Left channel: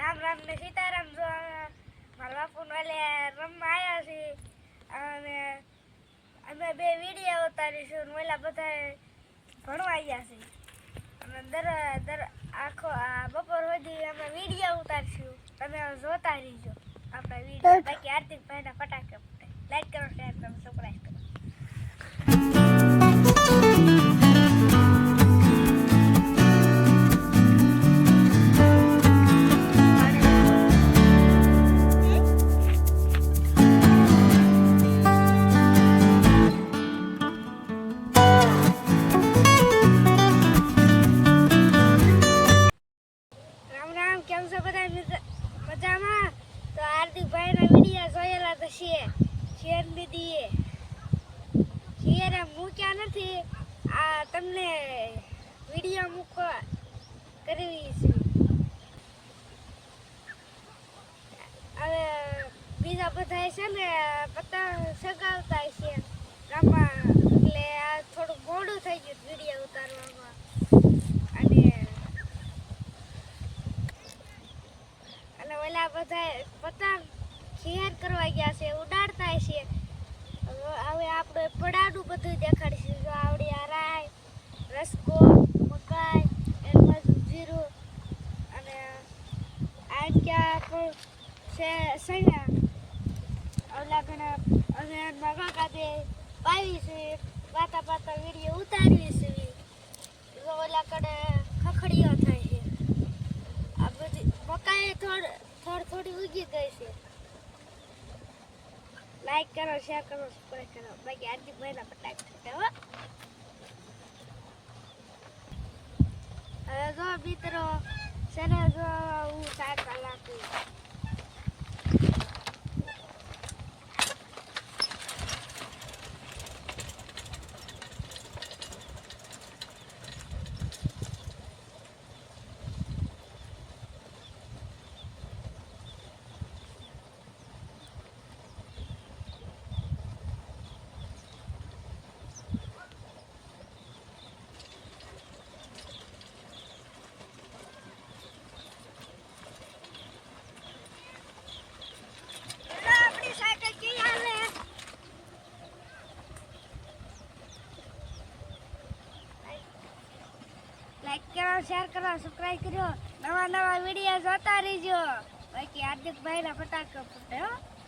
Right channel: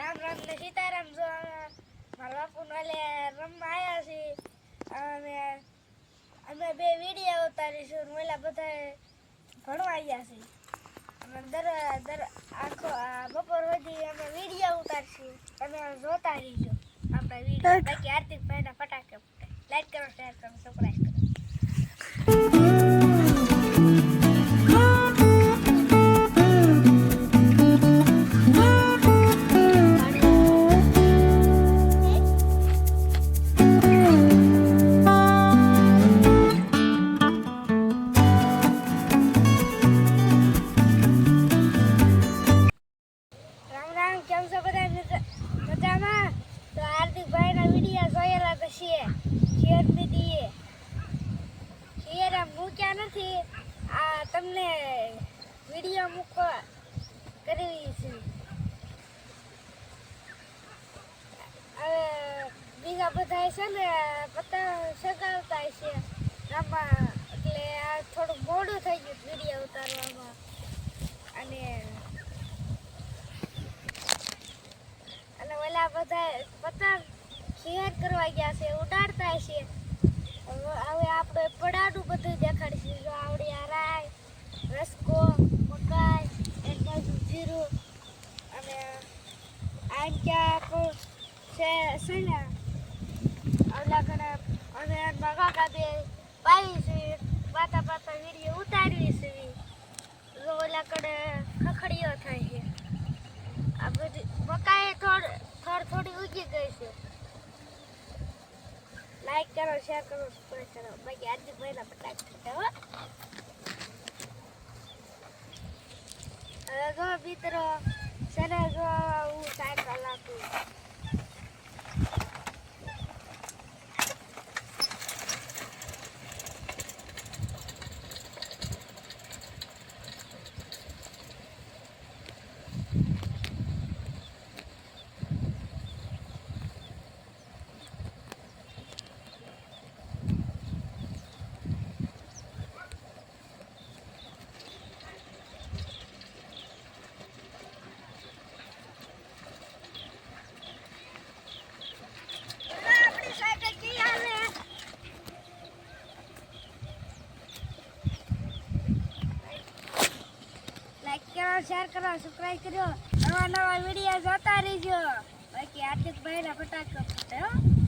રામ રામ ને સીતારામ જો મારા બાપુને વાલે રમવા આવ્યા છીએ. અને અમે બે વીડિયો ઉતારીશું ઓલા બધા ભણવા આવ્યા છે અને દર દર આખો આ બપોર સુધી અમે વીડિયો ઉતારશું. તમે જોતા રહીજો. આપણા વીડિયો. બાકી હાર્દિક ભાઈના ફટાકે લાઈક કરો શેર કરો સબસ્ક્રાઈબ કરો. છે. શેર દીદીએ શેર મૂક્યા નથી. આ તમને વીડિયો મૂકવા કરવી છે. હવે બીજા બધા છે ને પતંગ સગાવતા છે. આમાં એટલે આ થોડું મોડું થઈ ગયું વીડિયો ઉતારવામાં. અને અને ઓલા બધા પતંગ ખેર કરવા ગયા છે, ઉડાડતા છે. હવે આપણે પડાડું બધું દેખાડીશું. જો આવડી આ રાય રસકો મકાઈ એમાં જીરું અને આ ક્યાં પણ છે ઓલા ઘણા અમે મગા કાપે પાવી છે પાતા પાતા વીડિયો ઉતારવી છે ઓલા કડે ખખડીઓ થઈ છે. આ બધી મકાઈ થોડ થોડ થોડી ઉગી ગઈ છે. લાઈક કરો શેર કરો સબસ્ક્રાઇબ કરો. બાકી આજની મહિના પટાક હો. હવે જો મિત્રો સને જો હું સાયકલ આપું હવે આપણી સાયકલ કી હાલે લાઈક કરો શેર કરો સબસ્ક્રાઇબ કરો. નવા નવા વીડિયો જોતા રહેજો. બાકી હાર્દિક ભાઈના ફટાકા ફૂટે, હો.